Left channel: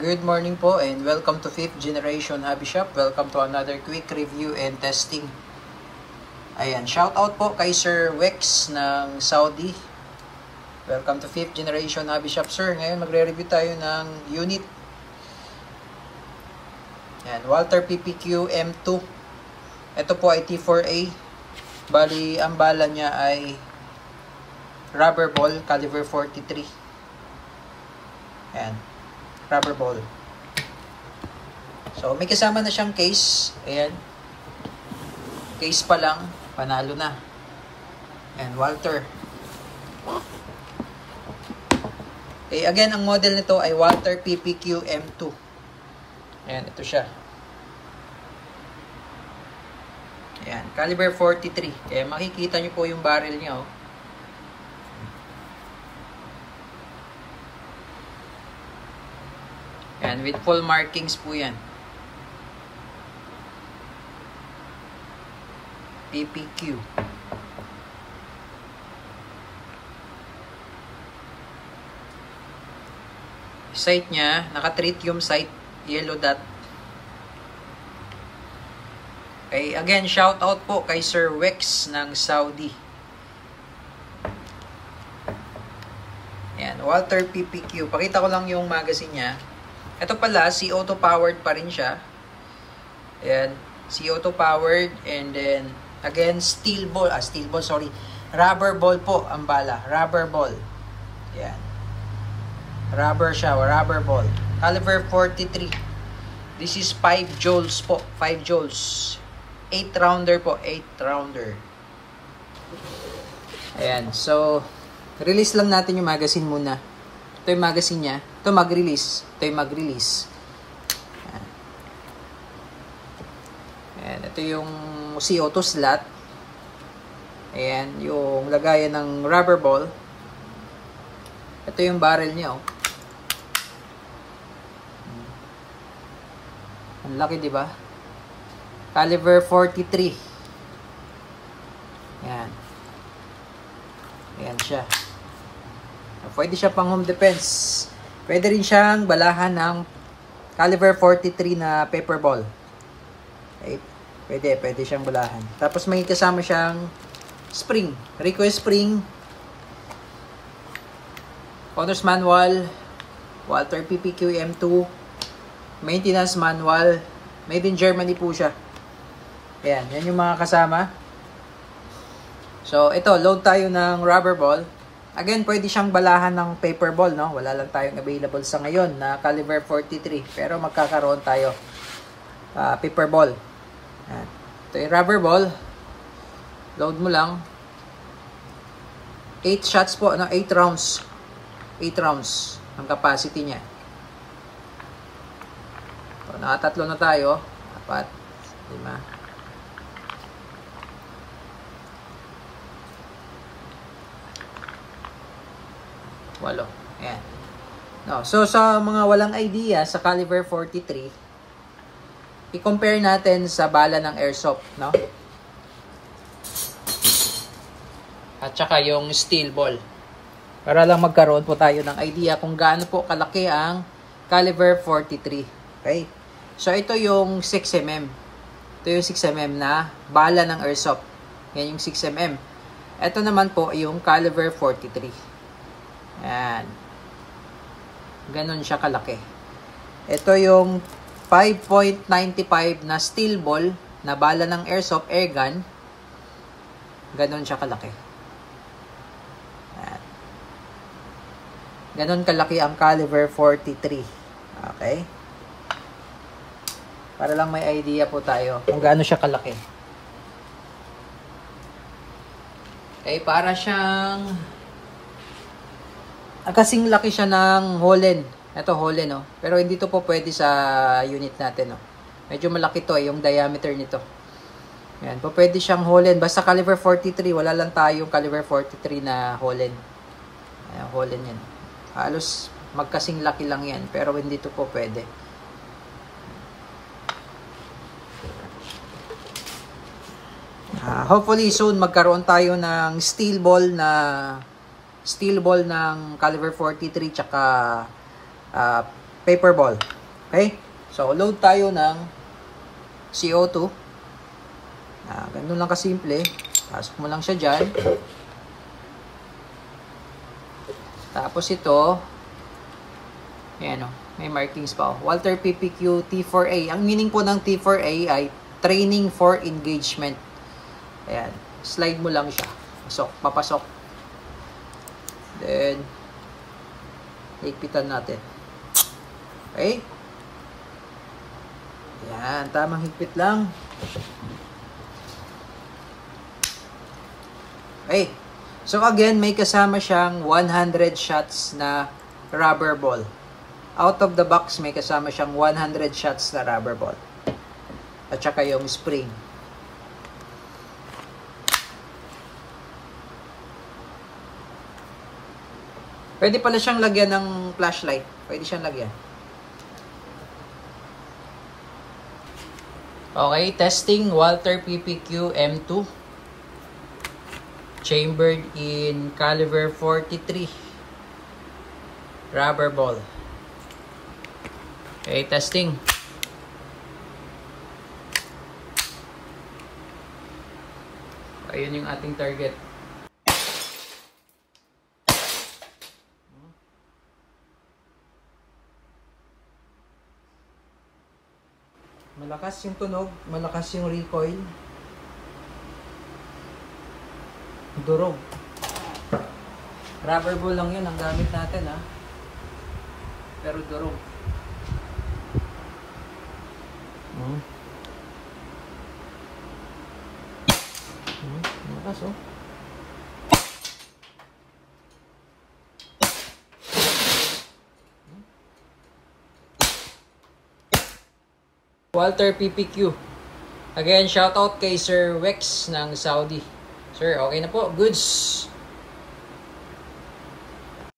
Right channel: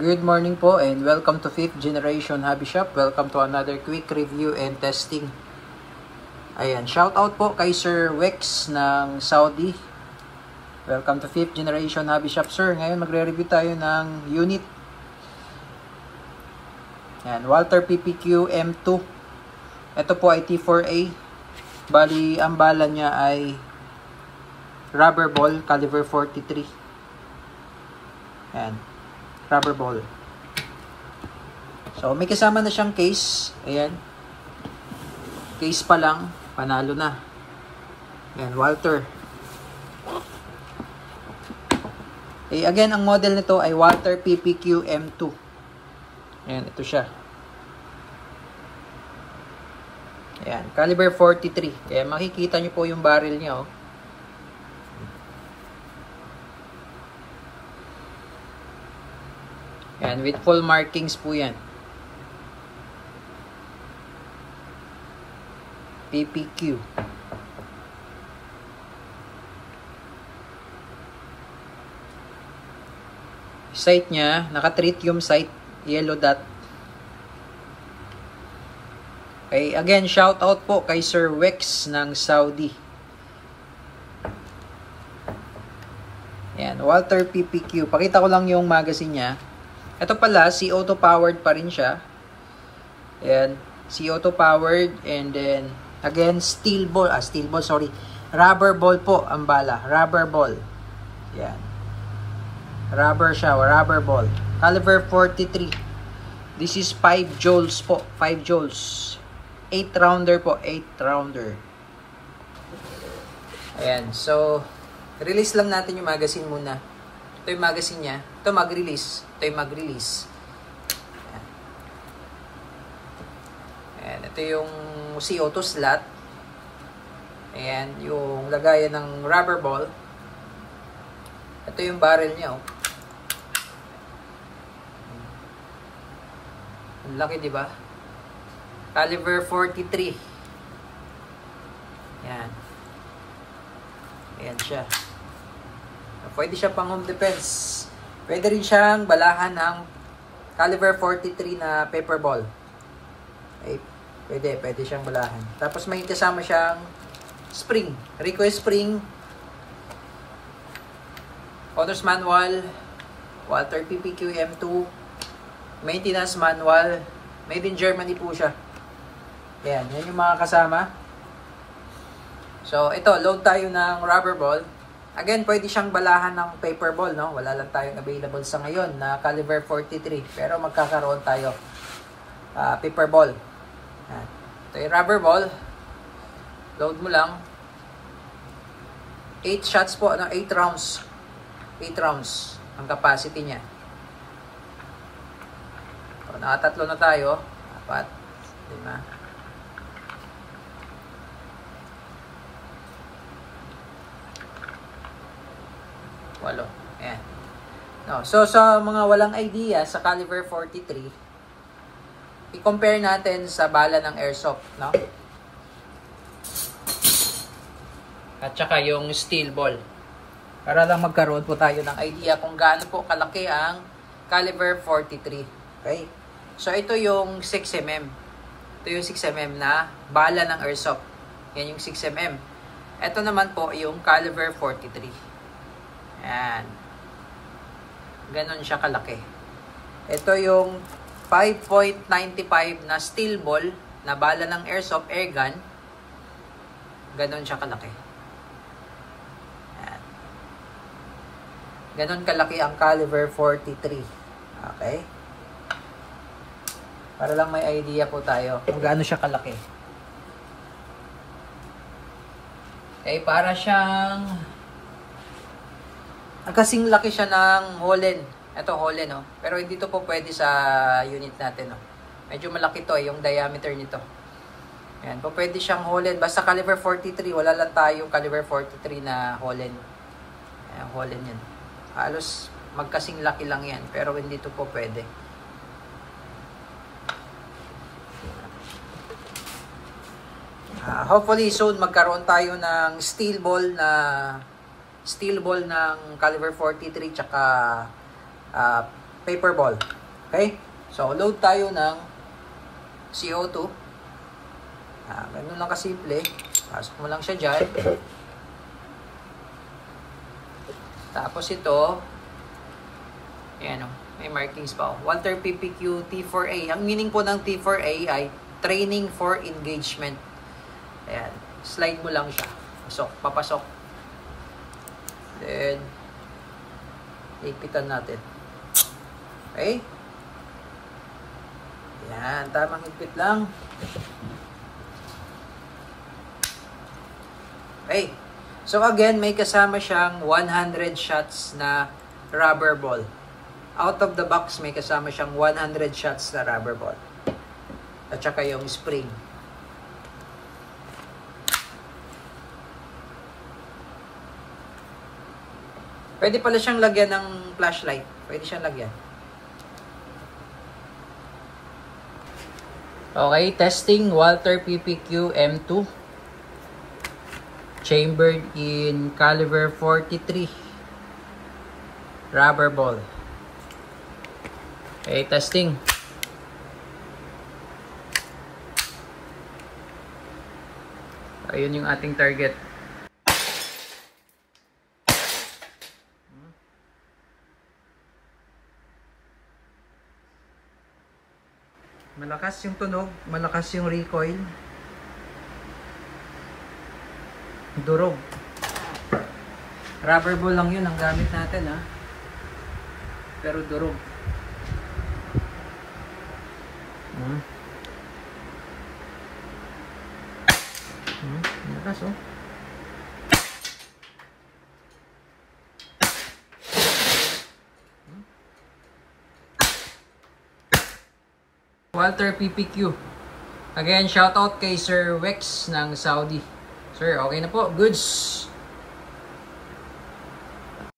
Good morning po and welcome to 5th Generation Hobby Shop. Welcome to another quick review and testing. Ayan, shout out po kay Sir Wex ng Saudi. Welcome to 5th Generation Hobby Shop, sir. Ngayon magre-review tayo ng unit. Ayan, Walther PPQ M2. Ito po ay T4A. Bali, ang bala niya ay rubber ball, caliber 43. Ayan. Rubber ball. So, may kasama na siyang case. Ayan. Case pa lang. Panalo na. Ayan, Walther. Okay, again, ang model nito ay Walther PPQ M2. Ayan, ito siya. Ayan, caliber 43. Kaya makikita nyo po yung barrel niya, oh. Yan, with full markings po yan. PPQ. Sight niya, naka-tritium sight, yellow dot. Okay, again, shout out po kay Sir Wex ng Saudi. Yan, Walther PPQ. Pakita ko lang yung magazine niya. Ito pala, CO2 powered pa rin siya. Ayan, CO2 powered, and then again rubber ball po ang bala, rubber ball. Ayan. Rubber siya, rubber ball. Caliber 43. This is 5 joules po, 5 joules. 8 rounder po, 8 rounder. Ayan, so release lang natin yung magazine muna. Ito yung magazine niya. Ito mag-release. Ito yung mag-release. Ayan. Ito yung CO2 slot. Ayan. Yung lagayan ng rubber ball. Ito yung barrel niya, oh. Ang laki, diba? Caliber 43. Ayan. Ayan siya. Pwede siya pang home defense. Pwede rin siyang balahan ng caliber 43 na paper ball. Okay. Pwede siyang balahan. Tapos may kasama siyang spring. Request spring. Owner's manual. Walther PPQ M2. Maintenance manual. Made in Germany po siya. Ayan. Yan yung mga kasama. So, ito. Load tayo ng rubber ball. Again, pwede siyang balahan ng paper ball, no? Wala lang tayong available sa ngayon na caliber 43. Pero magkakaroon tayo paper ball. Ayan. Ito yung rubber ball. Load mo lang. 8 shots po, 8 rounds. 8 rounds ang capacity niya. So, nakatatlo na tayo. 4, 5. 8. Ayan. No, so, sa mga walang idea sa caliber 43, i-compare natin sa bala ng airsoft, no? At saka yung steel ball. Para lang magkaroon po tayo ng idea kung gaano po kalaki ang caliber 43. Okay? So, ito yung 6mm. Ito yung 6mm na bala ng airsoft. Yan yung 6mm. Ito naman po yung caliber 43. Ayan. Ganon siya kalaki. Ito yung 5.95 na steel ball na bala ng airsoft airgun. Ganon siya kalaki. Ayan. Ganon kalaki ang caliber 43. Okay? Para lang may idea po tayo kung gaano siya kalaki. Okay, para siyang kasing laki siya ng Holland. Ito Holland, no? Pero hindi to po pwede sa unit natin, no? Medyo malaki to, yung diameter nito. Yan, po pwede siyang Holland. Basta caliber 43, wala lang tayong caliber 43 na Holland. Ayan, Holland yan. Halos magkasing laki lang yan, pero hindi to po pwede. Hopefully soon magkaroon tayo ng steel ball ng caliber 43 tsaka paper ball. Okay? So, load tayo ng CO2. Ganun lang kasimple. Pasok mo lang siya dyan. Tapos ito, yan o, may markings pa. Walther PPQ T4A. Ang meaning po ng T4A ay Training for Engagement. Ayan. Slide mo lang siya. Pasok, papasok. Then, ipitan natin. Okay? Yan, tamang higpit lang. Okay. So again, may kasama siyang 100 shots na rubber ball. Out of the box, may kasama siyang 100 shots na rubber ball. At saka yung spring. Pwede pala siyang lagyan ng flashlight. Pwede siyang lagyan. Okay, testing Walther PPQ M2. Chambered in caliber 43. Rubber ball. Okay, testing. Ayun yung ating target. Malakas yung tunog, malakas yung recoil. Durog. Rubber ball lang yun ang gamit natin, ha. Pero durog. Malakas, oh. Walther PPQ. Again, shoutout kay Sir Wex ng Saudi. Sir, okay na po. Goods.